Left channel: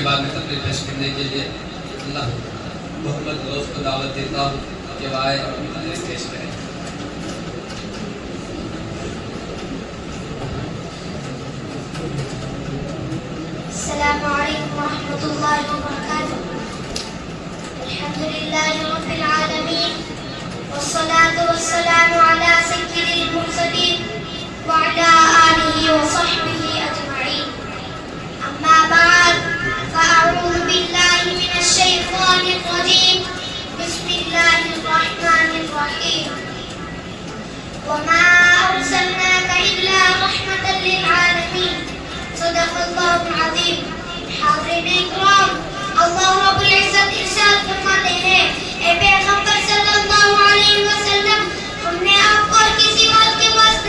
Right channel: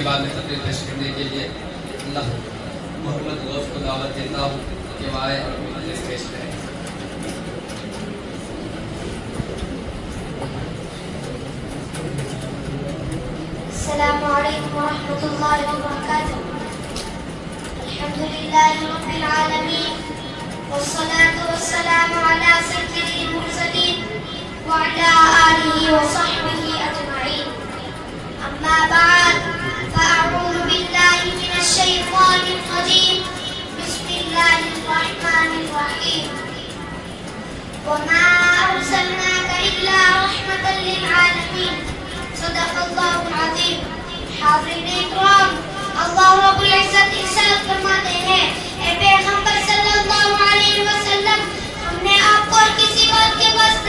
کے بعد میں تقریر پیش کرنے کے لیے اللہ محمد غوث کو دعوت دیتا ہوں کہ وہ آئے اور تقریر پیش کریں. السلام علیکم ورحمۃ اللہ وبرکاتہ. الحمد للہ رب العالمین والصلاة والسلام علی سید المرسلین وعلی آلہ وصحبہ اجمعین. اما بعد فاعوذ باللہ من الشیطان الرجیم. بسم اللہ الرحمن الرحیم. وما ارسلناک الا رحمۃ للعالمین. صدق اللہ العظیم. حاضرین اکرام، اللہ رب العزت ارشاد فرماتے ہیں، اے پیغمبر صلی اللہ علیہ وسلم، ہم نے آپ کو کسی بات کے واسطے